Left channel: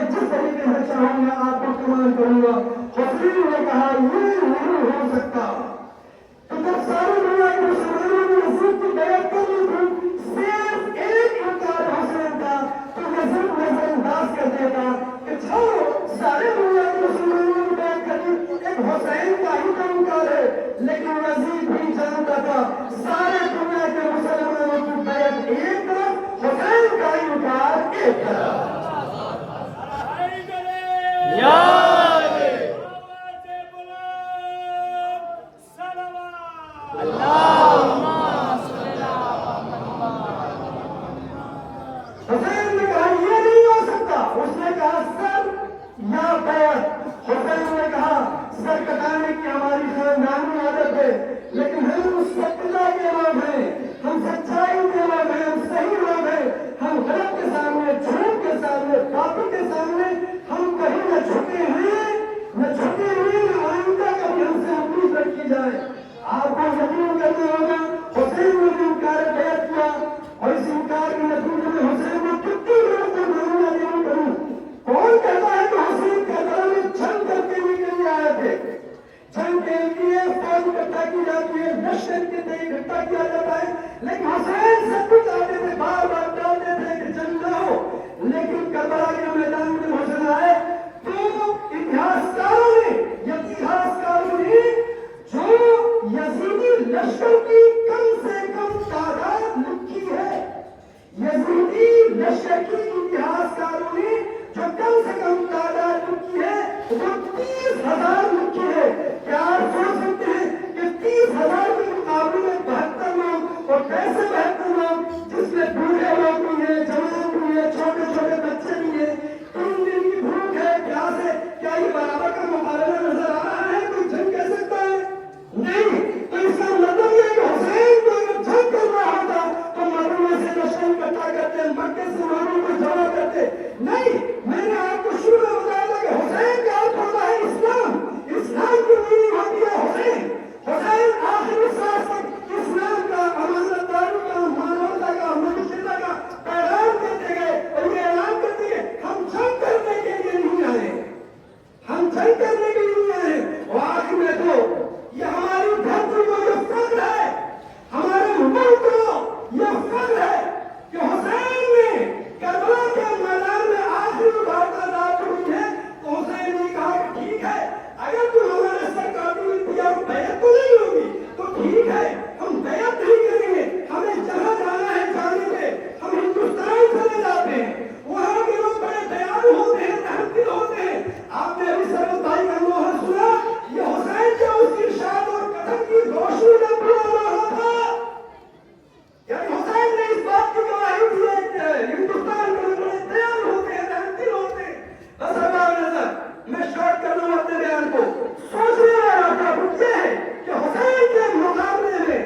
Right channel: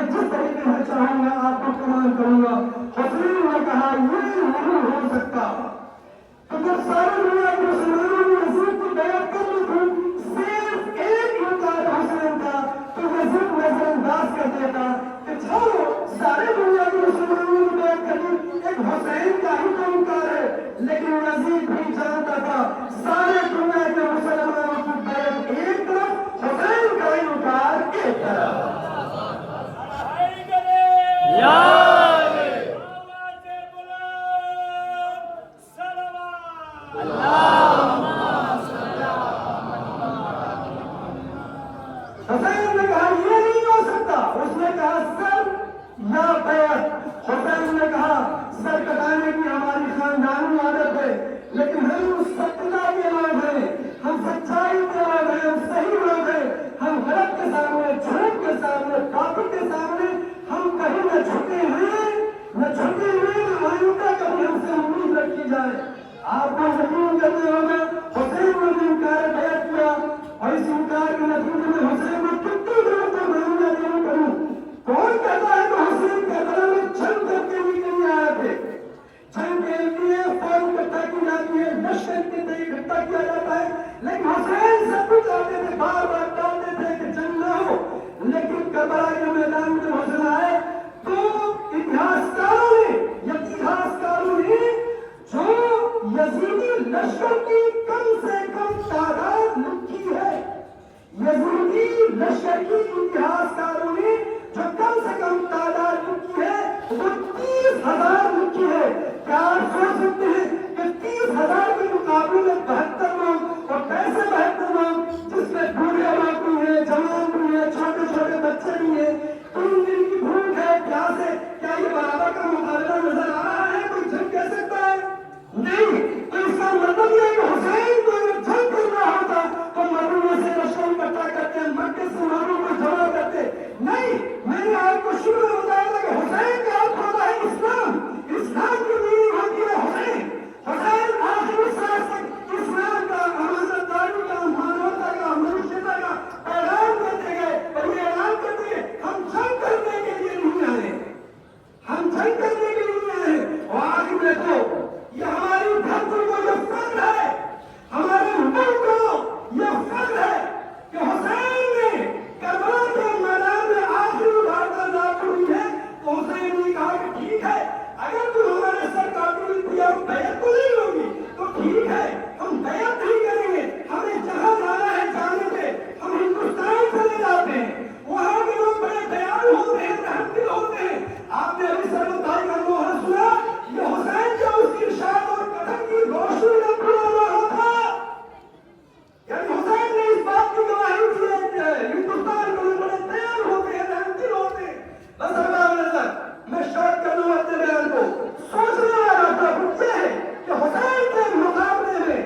میں جس طریقے سے چاہوں گا آپ کو کمال کروں گا. حسین نے کہا یہ نہیں ہو سکتا. تو جب سارے دنیا کے مسلمانوں نے یزید کی بیعت کر لی تھی, صرف ایک انکار حسین کا, تو یزید نظر انداز کر دیتا کہ چھوڑو, سارے دنیا کے مسلمانوں نے بیعت کر لی, ایک حسین کا ہی تو انکار ہے. لیکن یزید بھی جانتا تھا سارے دنیا کے مسلمانوں کی بیعت ایک طرف, حسین کا انکار ایک طرف. حسین نے کہا یہ نہیں ہو سکتا. اس نے کہا سر یا بیعت. حسین نے کہا سر کٹانے کی ہماری خاندانی عادت ہے, لیکن ہم مستقلا کے لوگ ہیں, ہم سچائی کے لوگ ہیں, ہم صحیح لوگ ہیں. ہم غلط کے سامنے, جھوٹ کے سامنے, باطل کے سامنے ہم کہیں نہ جھکے ہیں, نہ جھکے ہوئے, نہ آئندہ کبھی ہم سے امید رکھی جائے. آپ کو یقین کرنا ہوگا حسین نے بھی انکار بیعت کیا, اور اس انکار کے نتیجے میں حسین نے کتنی لوگوں کو معاملہ نہیں کروں. کون کہتا ہے کہ حسین کا قلم جنگ کرنے کے لیے آئے تھے؟ جنگ کے لیے فوج اکٹھا کی جاتی ہے, لشکر کے لیے اکٹھا کیا جاتا ہے, لیکن حسین سب کچھ آتے تھے, بار بار ڈالتے تھے کہ جنگ نہ ہو. لیکن کربلا کے میدان میں حسین آئے تو اتہاسکاروں نے جو یزیدی لشکر کی کم سے کم تعداد لکھی ہے, یزیدی لشکر کی اتہاسکاروں نے جو کم سے کم تعداد لکھی ہے وہ 30,000 لکھی ہے. کیا آپ سوچ سکتے ہیں کہ 30,000 کے مقابلے میں 72 لوگ, اور کیسے 72 لوگ جس میں بوڑھے لوگ بھی ہیں, جوان بھی ہیں, چھوٹے چھوٹے بچے بھی ہیں, 3 دن کی بھوک ہے, پیاس ہے, کیا یہ برابر کا مقابلہ نظر آ رہا ہے؟ کوئی جنگ کہہ سکتا ہے؟ نہیں. تو اس کا مطلب یہ کہ حسین کو اگر جنگ کرنا ہوتا تو مدینے سے لشکر اکٹھا کرتے, مکے سے ماروں کو جمع کرتے. نہیں, میں نے آپ کو شروع میں بتایا تھا کہ حسین کا ارتھ ہوتا ہے اسلام. اسلام کی میننگ ہوتی ہے حسین. حسین آخری سانس تک اسلام کا, امانت داری کا, مانوتا کا, منشیتا کا پیغام دیتے گئے, اور یہ اعلان کرتے گئے ہم جنگ کرنے کے لیے نہیں آئے, ہم جنگ کرنے کے لیے نہیں آئے. اور آخر میں تو یہ ہماری دھرتی کو یہ فخر ہے, ہمارے ملک کو یہ فخر ہے کہ حسین نے کربلا کے میدان میں آخری واردات ہوئی ہے. تو حسین نے کہا کہ ٹھیک ہے, اگر تم ہمارے سر کاٹی دیا بیعت تو نہیں ہوگی تو ٹھیک ہے, ہم بیعت نہیں کریں گے. ہمیں جہاں جانا ہے جانے دے, ہم ہندوستان چلے جاتے ہیں. وہاں کے لوگ بڑے بیان ہوتے ہیں, تحقیق ہوتے ہیں. آپ نے ابھی سرمائی کا موہر سنا, یہ حسین کا اس کی شاد اور قدم کی روشنی کا پورا رہا تھا. یعنی حسین نے اس بات کی گواہی دی ہے, ہندوستان کے لوگ بڑے تیار ہوتے ہیں, تحقیق ہوتے ہیں. بس اگر نظر میں شارٹ کر دوں اپنے بیان کو, سوچنے والا تھا یہ ہے کہ حسین کے مقابلے میں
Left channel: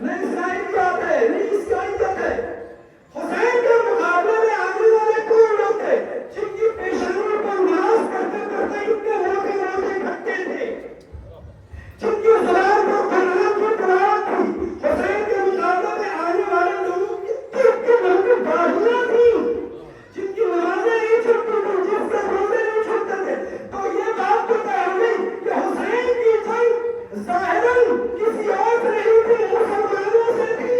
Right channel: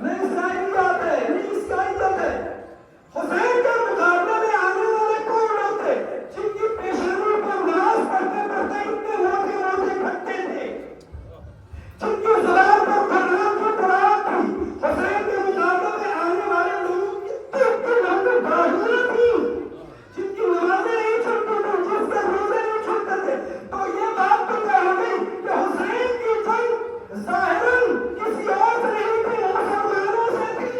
نہ اسرائیلیات ہے, نہ عیسائیت ہے, حسین کے مقابلے میں آنے والے کون لوگ تھے جن کی پیشانیوں پر نماز پڑھتے پڑھتے اتنے موٹے موٹے کھٹے تھے, جن کی زبان پر قرآن کی قرآن تھی. حسین کے مقابلے میں آنے والے لوگوں کی اتنی لمبی داڑھیاں تھیں, جن کی نمازیں نہیں چھوٹتی تھیں, جس کے روزے نہیں چھوٹتے تھے. تو یہ بات تو طے ہو گئی کہ حسین کی جنگ ظاہراً کسی اور سے نہیں تھی, مسلمانوں سے تھی,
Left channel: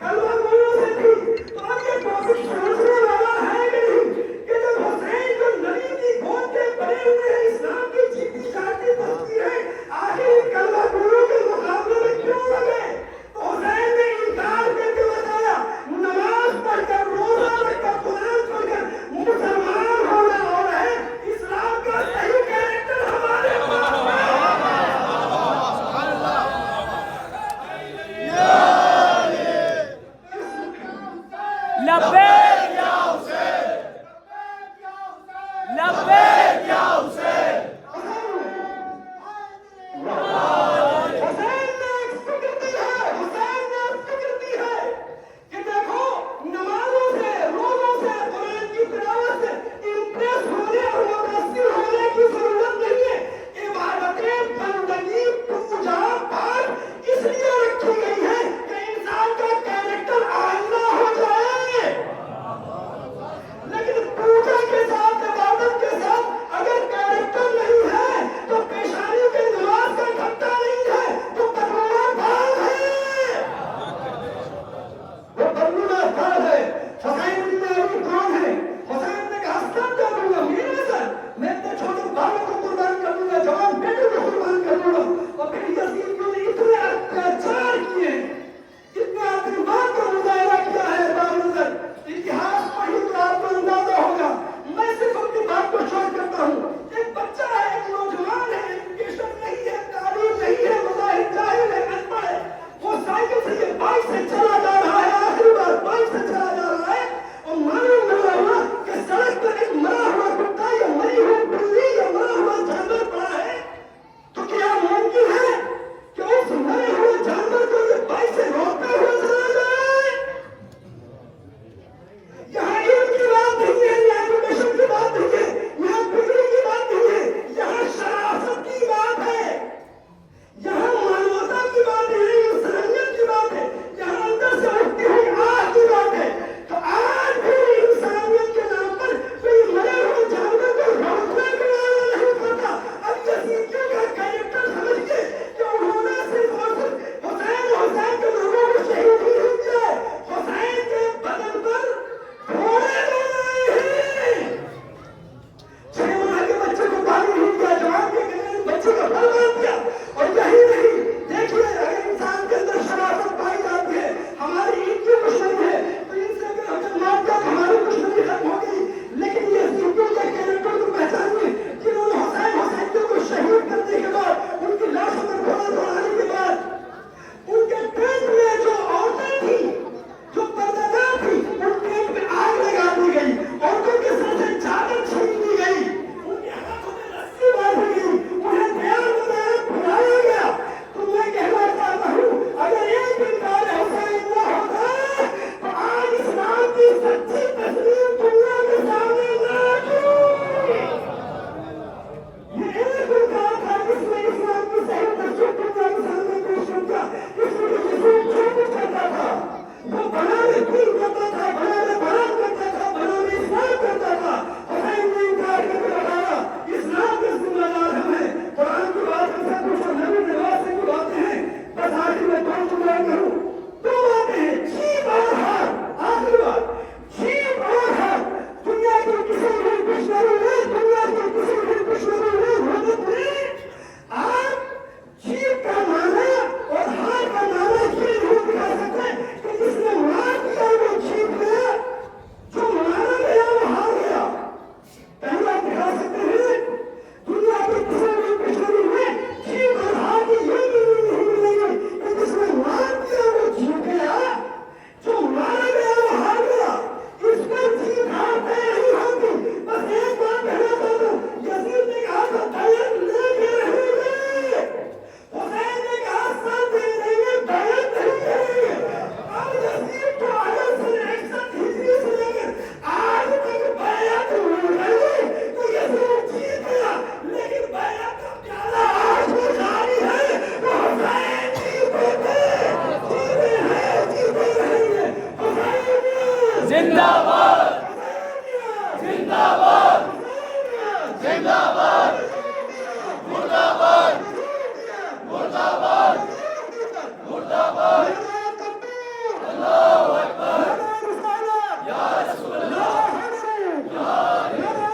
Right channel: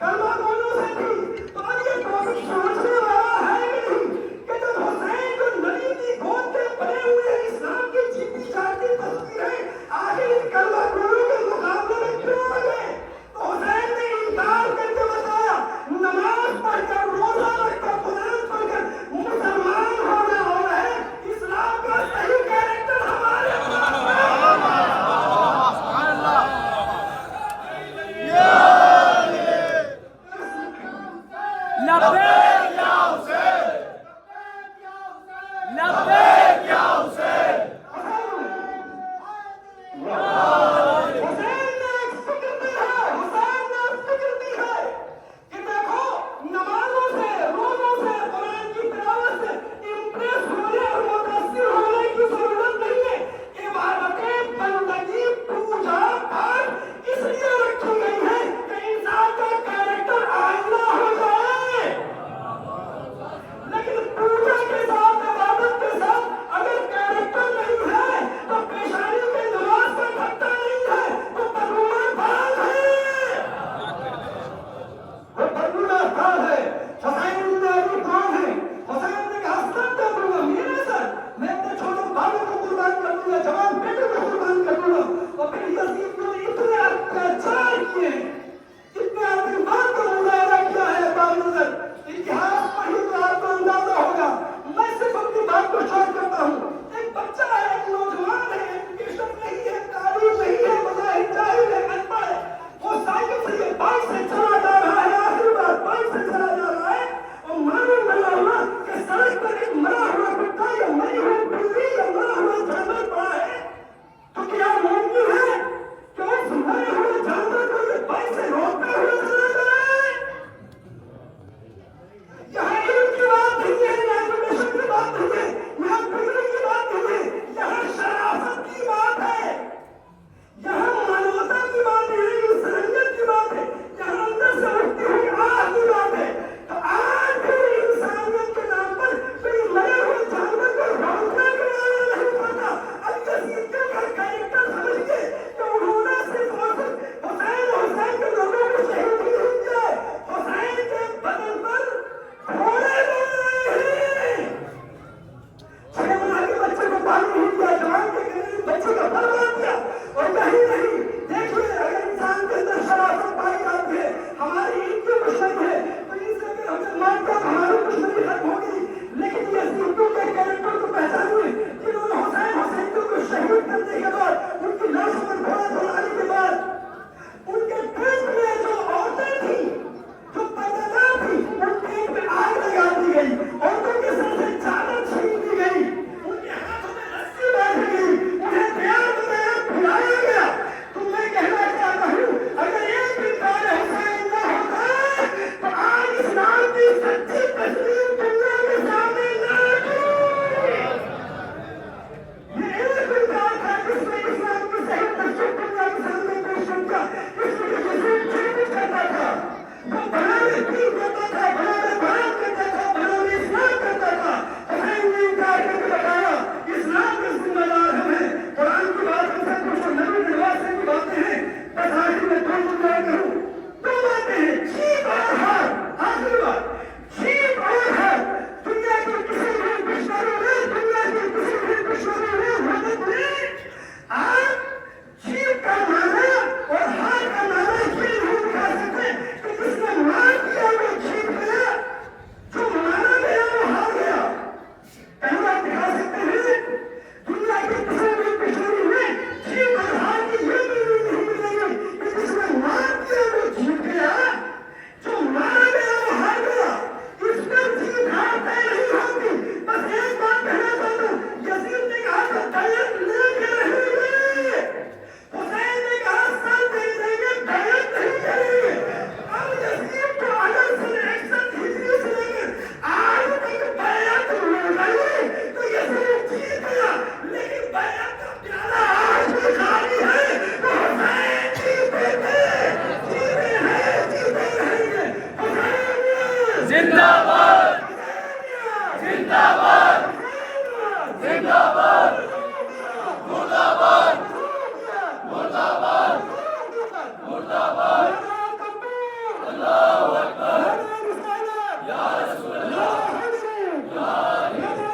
کلمہ گوئوں سے تھی. تو اب یہ ٹاپک سوچنے والا ہے نہیں کہ جب حسین جو نبی کی گود کے بنے ہوئے اسلام کی جیتی جاتی تصویریں آخر کلمہ گوئوں کے مقابلے میں کیوں آ گئے؟ تو حسین نے انکار کر کے بتایا نماز پڑھ کر, روزہ رکھ کر, قرآن پڑھ کر مسلمان ہونا اور ہے, اسلام کا صحیح کیریکٹر ہمارے پاس ہے. لبیک لبیک